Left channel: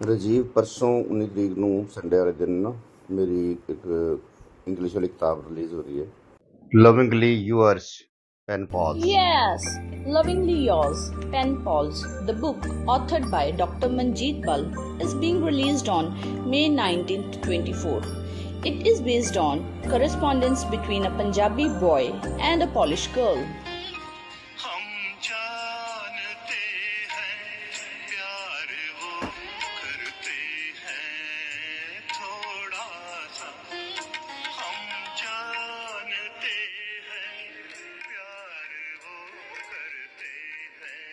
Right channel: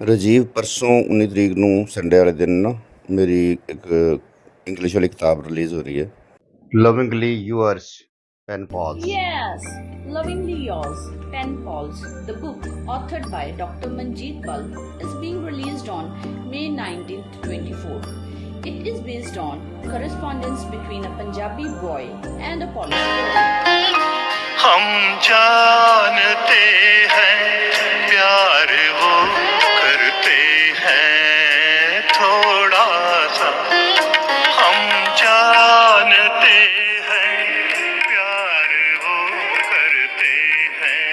ਰਾਜੀਵ ਪਰਸੋਂ 19 ਤਰੀਕ ਨੂੰ ਸੰਡੇ ਵਾਲੇ ਦਿਨ ਨਾ ਮੇਰੀ ਇੱਕ ਇੰਗਲਿਸ਼ ਵਾਲੀ ਕਿਤਾਬ ਰਿਲੀਜ਼ ਹੋ ਰਹੀ ਹੈ lovingly yours pen pals Yes, Lovingly Yours, Pen Pals, the book authored by Dr. Manjeet Bal, is being released on May 19, 24. It is based on correspondence between a Punjabi boy and a Polish girl. हम जानते हैं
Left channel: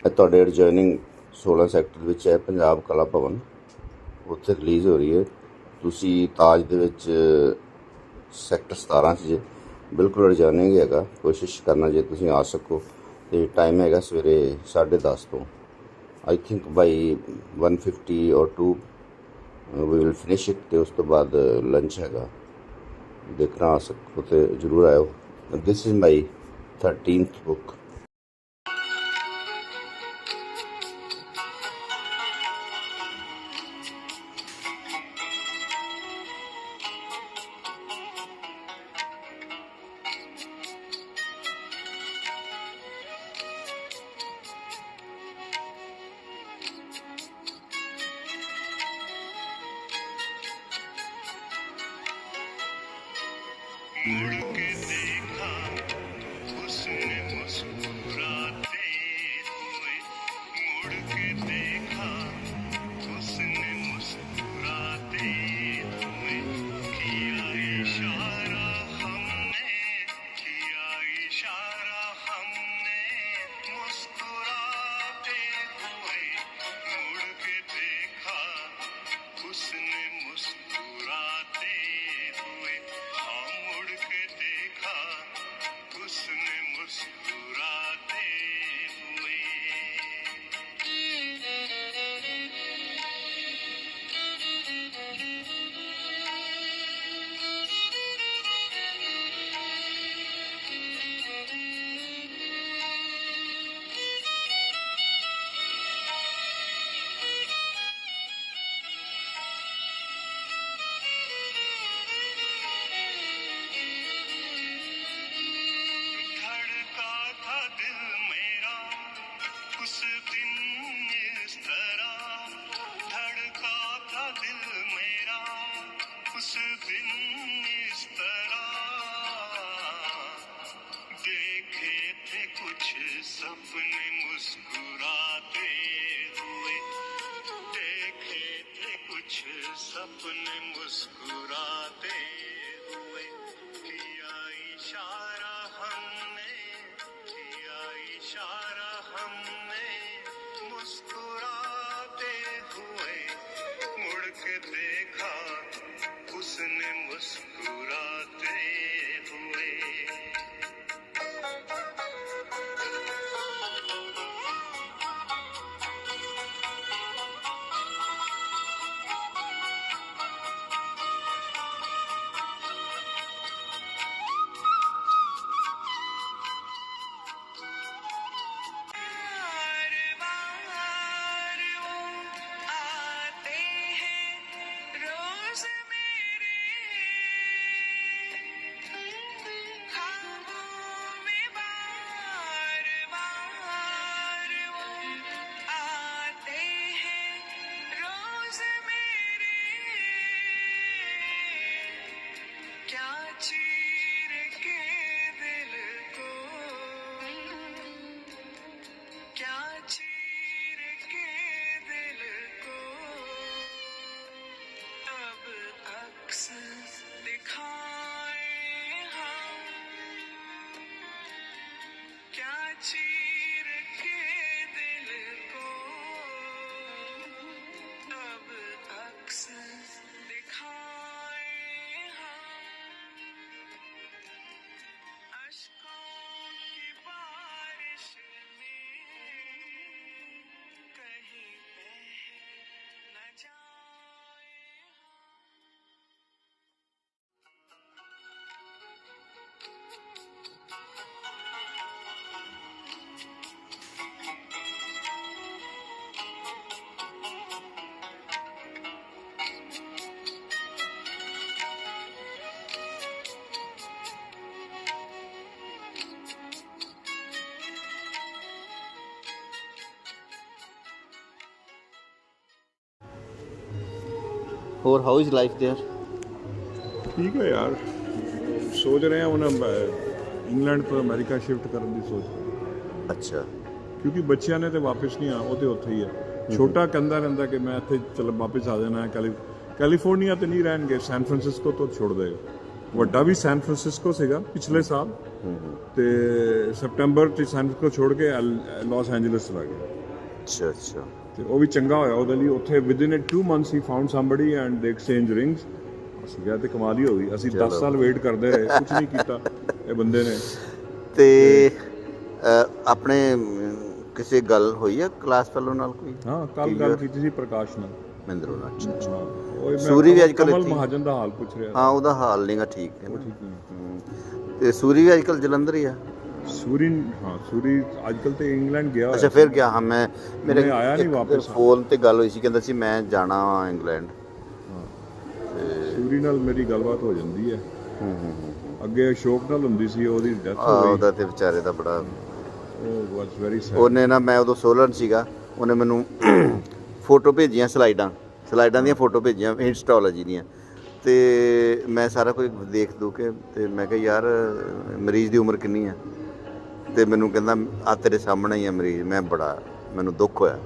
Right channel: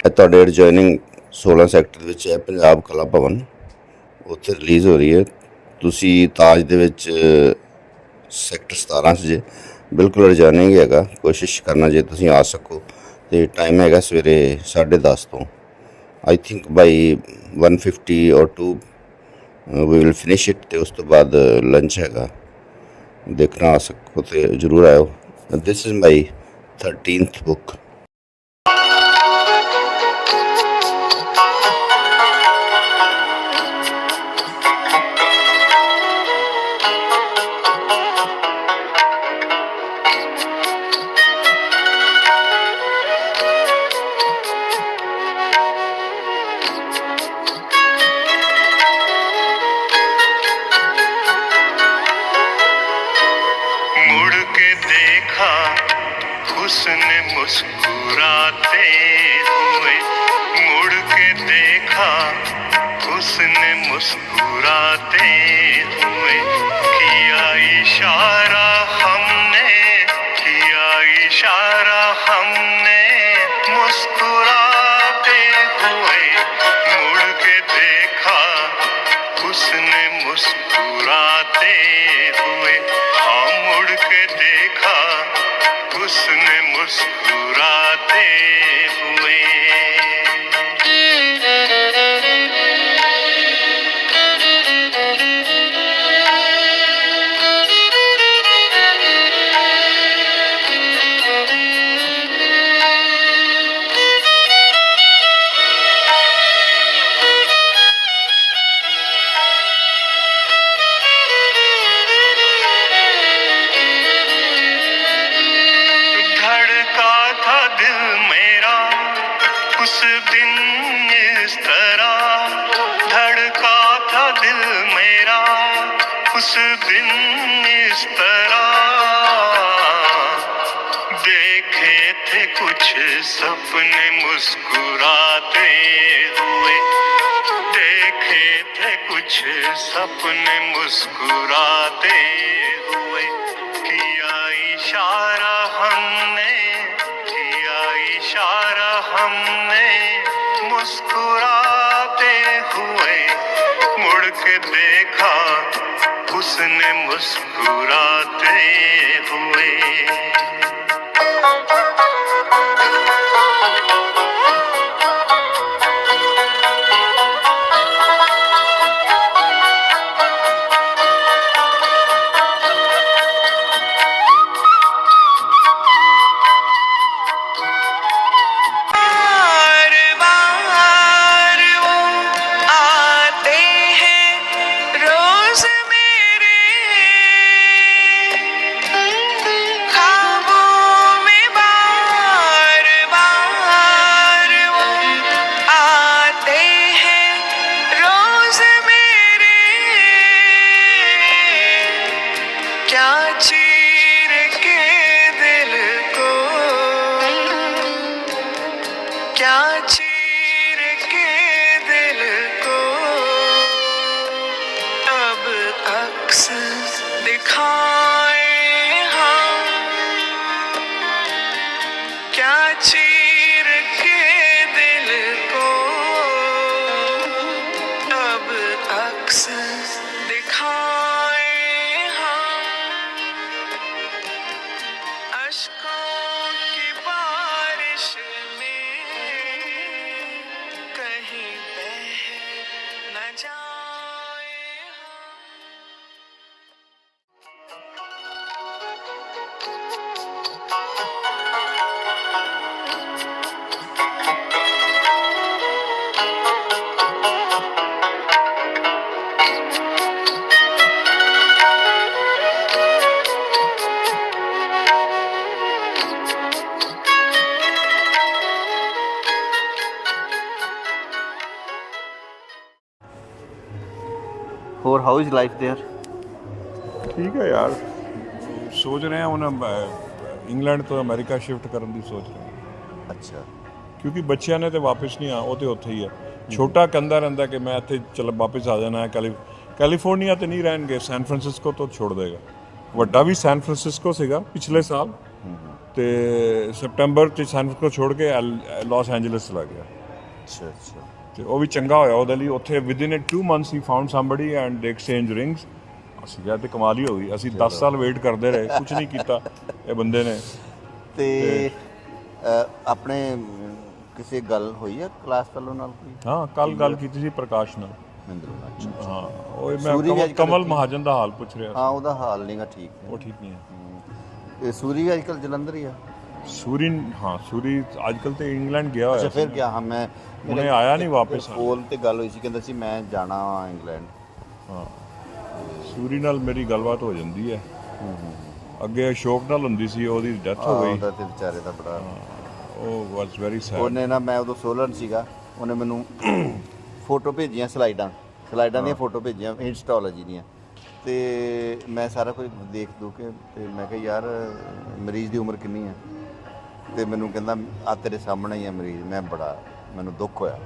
ਇਹ ਤੁਹਾਡੇ adjoining 16 sector ਦੇ ਵਿੱਚ ਹੈ, ਪੰਜਾਬ ਕਲਾ ਭਵਨ। ਉੱਥੇ ਰਿਲੀਜ਼ ਹੋ ਰਹੀ ਹੈ। ਤੁਸੀਂ ਤਾਜ ਦੇ ਵਿੱਚ ਸੈਕਟਰ 17 'ਚ ਜੇ, ਬਿਲਕੁਲ ਐਡਜੋਇਨਿੰਗ ਹੈਗਾ। ਕੋਸ਼ਿਸ਼ ਕਰਨਾ ਜੇ ਤੁਸੀਂ ਆ ਸਕੋ। ਤੇ ਟਾਈਮ ਹੈਗਾ ਸਵੇਰੇ 10:30 ਤੋਂ। ਆਈ ਥਿੰਕ ਬਾਈ 150 ਔਰ 2 ਵੀ ਵਿਲ ਫਿਨਿਸ਼ ਇਟ ਤੇ ਉਸ ਤੋਂ ਬਾਅਦ ਲੰਚ ਹੈਗਾ। ਦੇਖਣਾ ਆ ਸਕੋ ਤੇ ਜਰੂਰ ਆਇਓ। This is my 13th book मुड़ के देखा उसने मुस्कुराते हुए मुड़ के देखा उसने मुस्कुराते हुए किया इशारा Deus, nem. इस तरह देखे थे कुछ सपने मुस्कुराते हुए देखे थे कुछ सपने मुस्कुराते मुस्कुराते हुए क्या चीर ਹਾਊ ਇਜ਼ ਲਾਈਫ देयर ਠੀਕ ਹੈ ਯਾਰ ਸੋਚ ਰਹੇ ਹਾਂ ਹੁਣ ਅਹ, ਇੰਗਲੈਂਡ ਤੋਂ ਅਮਰੀਕਾ ਸ਼ਿਫਟ ਕਰਨ ਦੀ ਸੋਚ ਰਹੇ ਹਾਂ। ਅੱਛਾ ਕਿਉਂਕਿ ਬੱਚਿਆਂ ਨੇ ਤੇ ਵਾਪਸ ਨਹੀਂ ਆ ਉਹ ਤੇ ਉੱਥੇ ਹੀ ਹੈ ਛੋਟਾ ਕਹਿੰਦਾ ਰਹਿੰਦਾ ਕਿ ਮੈਂ ਇੱਥੇ ਚਲ ਵਾਪਸ ਆ ਜਾਣਾ ਹੈ ਕੈਲੀ ਕੈਲੀਫੋਰਨੀਆ ਤੇ ਨਹੀਂ ਰਹਿਣਗੇ ਸੈਨ ਫਰਾਂਸਿਸਕੋ ਤੋਂ ਛੋੜ ਦੇਗਾ ਵੱਡਾ ਵੀ ਸੈਨ ਫਰਾਂਸਿਸਕੋ ਸੀਗਾ ਪਿਛਲੇ ਸਾਲ ਤੇ ਸਪਟੈਂਬਰ ਚ ਸੈਨ ਫਰਾਂਸਿਸਕੋ ਛੋੜ ਕੇ ਲਾਸ ਐਂਜਲਸ ਚਲਾ ਗਿਆ ਅੱਛਾ ਅੱਛਾ ਤੇ ਉਹ ਵੀ ਚੰਗਾ ਹੋਇਆ ਉਹਦੇ ਲਈ ਉੱਥੇ within in 2 months he found somebody and they exchange rings ਅਸੀਂ ਕਿਹਾ ਤੇ ਕਮਾਲ ਹੀ ਹੋ ਗਈ। ਅਸੀਂ 10 ਸਾਲ ਵੇਟ ਕਰਦੇ ਰਹੇ ਕੁਝ ਨਹੀਂ ਕੀਤਾ ਇਹ ਬੰਦੇ ਨੇ। ਤੇ ਆਪਣੇ ਕਿਸੇ ਗੱਲ ਹੋਈ ਹੈ ਕਲਾਸ ਫੈਲੋ ਨਾਲ ਕੋਈ? ਹਾਂ ਕੱਲ ਗੱਲ ਕੀਤੀ ਸੀ ਪ੍ਰਕਾਸ਼ ਨਾਲ। ਮਹਿੰਦਰ ਨਾਲ ਅੱਛਾ ਹਾਂ ਉਹ ਸੂਰੀ ਵੀ ਕਮਲ- ਅੱਜ ਕੱਲ੍ਹ ਕਮਲ ਮਹਾਜਨ ਦਾ ਹਾਲ ਪੁੱਛ ਰਿਹਾ ਹਾਂ ਉਹਦਾ ਹਾਲ ਨਹੀਂਗਾ ਠੀਕ ਹੈ। ਉਹ ਠੀਕ ਨਹੀਂ ਹੈ। ਤੇ ਸੂਰੀ ਵੀ ਅੱਜਕੱਲ ਜਲੰਧਰ ਹੀ ਆ। ਸੂਰੀ ਹਾਂ ਸੂਰੀ ਅੱਜਕੱਲ ਤੇ ਇੰਗਲੈਂਡ ਗਿਆ ਅੱਛਾ ਫਿਰ ਗਿਆ ਹਾਂ ਮੈਂ ਉਹਨੇ ਆਇਆ ਨਹੀਂ ਵਾਪਸ। ਫੋਨ ਤੇ ਗੱਲ ਹੋਈ ਸੀ ਕਹਿੰਦਾ ਸੀ ਮੈਂ ਜਾਣਾ ਇੰਗਲੈਂਡ। ਹਾਂ। ਸੂਰੀ ਨਾਲ ਮੇਰੀ ਗੱਲਬਾਤ ਹੋ ਜਾਂਦੀ ਹੈ। ਅੱਗੇ ਅਸ਼ੋਕ ਨਾਲ ਹੁੰਦੀ ਸੀ ਉਹਦੀ ਡੈਥ ਹੋ ਗਈ। ਉਹਦਾ ਤੇ ਵਿਚਾਰੇ ਦਾ ਬੜਾ ਉਹ ਵਾਸ ਵੈਰੀ ਸੈਡ ਉਹਨੇ ਨਾ ਮੈਂ ਉਦੋਂ ਸੋਲਨ ਸੀਗਾ ਉਹਨੇ ਮੈਨੂੰ ਫੋਟੋ ਭੇਜੀਆਂ ਸਲਾਈਡਾਂ। ਸਲਾਈਡਾਂ ਦੀਆਂ ਫੋਟੋ ਭੇਜੀਆਂ ਇੰਸਟਾਲੋਜੀ ਦੀਆਂ। ਤੇ ਮੈਂ ਸਾਰਾ ਕੁਝ ਦੇਖ ਦੂ ਕੇ ਤੇ ਮੈਂ ਕਿਹਾ ਯਾਰ ਮਰੀਜ਼ ਦੀ ਉਮਰ ਕਿੰਨੀ ਆ ਤੇ ਮੈਨੂੰ ਕਹਿੰਦਾ ਆ ਤੇਰੇ ਸਾਹਮਣੇ ਹੀ ਆ ਮਰੀਜ਼ ਮੈਂ ਬੜਾ ਮੈਨੂੰ ਦੁੱਖ ਹੋਇਆ।